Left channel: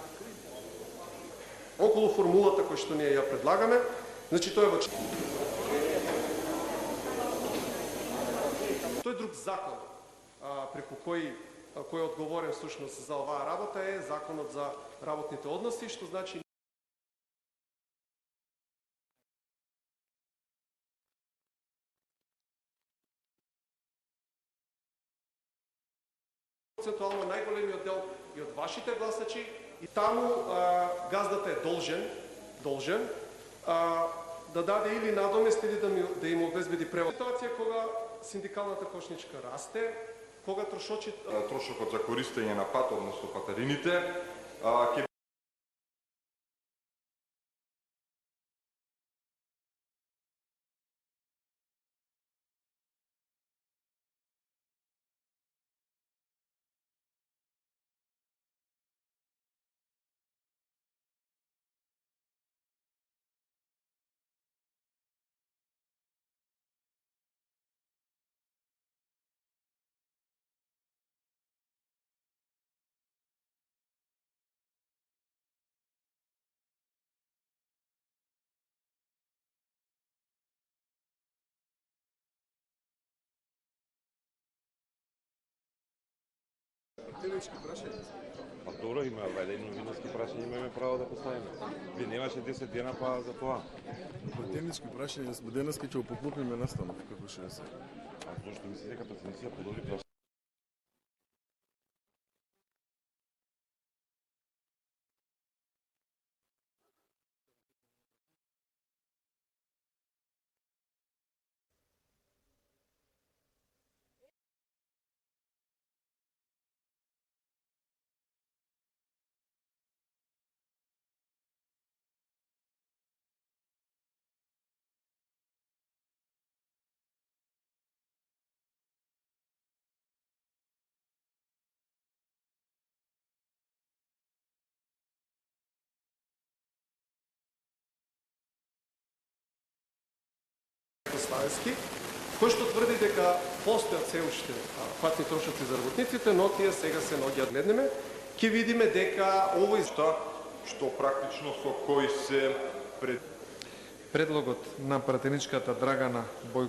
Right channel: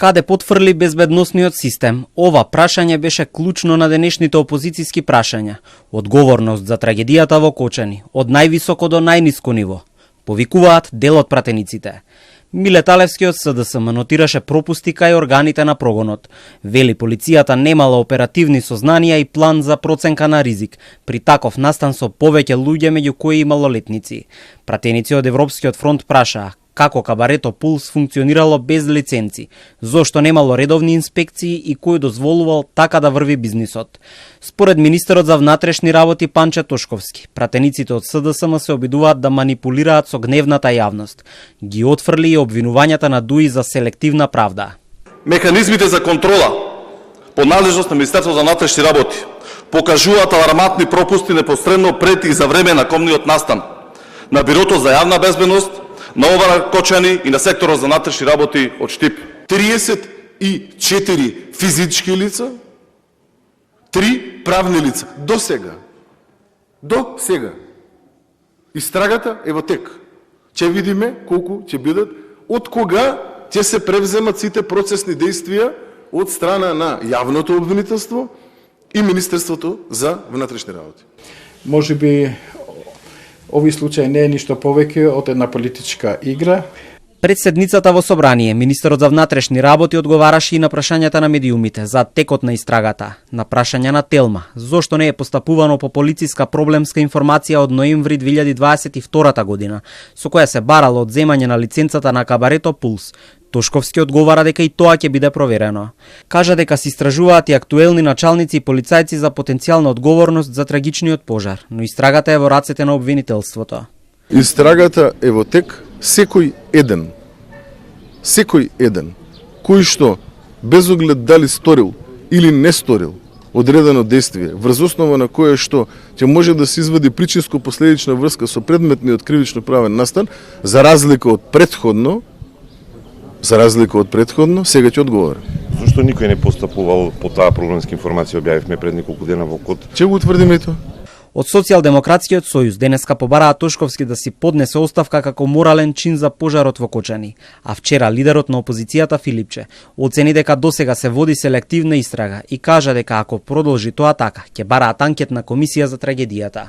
Каде потфрли безбедносниот систем? Ова прашање беше клучно на денешните опозицијски прашања. Одговорност за трагедијата во Кочани, од највисоко до најниско ниво. Повикуваат дел од пратениците. Миле Талевски од СДСМ нотираше пропусти кај органите на прогонот. Вели полицијата немала оперативни сознанија и план за проценка на ризик, при таков настан со повеќе луѓе меѓу кои и малолетници. Пратеници од Европскиот фронт прашаа како кабарето Пулс функционирало без лиценци, зошто немало редовни инспекции и кој дозволувал така да врви бизнисот. Според министерот за внатрешни работи Панче Тошковски, пратениците од СДСМ се обидуваат да манипулираат со гневната јавност. Ги отфрли и обвинувањата на ДУИ за селективна правда. Механизмите за контрола по надлежност на Министерството за внатрешни работи покажуваат алармантни пропусти непосредно пред и за време на комниот настан на Бирото за јавна безбедност, на ОВР Кочани и на секторот за внатрешни работи од Штип. 34 физички лица, 3 правни лица. До сега. Истрагата е во тек. Ќе видиме колку ќе бидат, од кога ќе се превземат сите процесни действија од страна на јавното обвинителство и Министерството за внатрешни работи. Може би овој случај не е ништо повеќе од една политичка игра. Пред седницата во собрание, министерот за внатрешни работи одговараше и на прашањата на медиумите за текот на истрагата. На прашања на Телма, зошто не е постапувано по полициска проблемска информација од ноември 2022 година, со која се барало одземање на лиценцата на кабарето Пулс. Тошковски одговара дека и тоа ќе биде проверено. Кажа дека се истражуваат и актуелни началници и полицајци за потенцијална одговорност за трагичниот пожар, но истрагата е во рацете на обвинителството. Истрагата е во тек, секој еден кој што без оглед дали сторил или не сторил одредено действие, врз основа на кое што ќе може да се извади причинско-последична врска со предметниот кривично правен настан, за разлика од предходно, сега ќе одговара. Зошто никој не постапувал по таа проблемска информација објавивме пред неколку дена во КОД? Ќе го утврдиме тоа? Од Социјалдемократскиот сојуз денеска побараа Тошковски да си поднесе оставка како морален чин за пожарот во Кочани, а вчера лидерот на опозицијата Филипче оцени дека досега се води селективна истрага и кажа дека ако продолжи тоа така, ќе бараат анкетна комисија за трагедијата.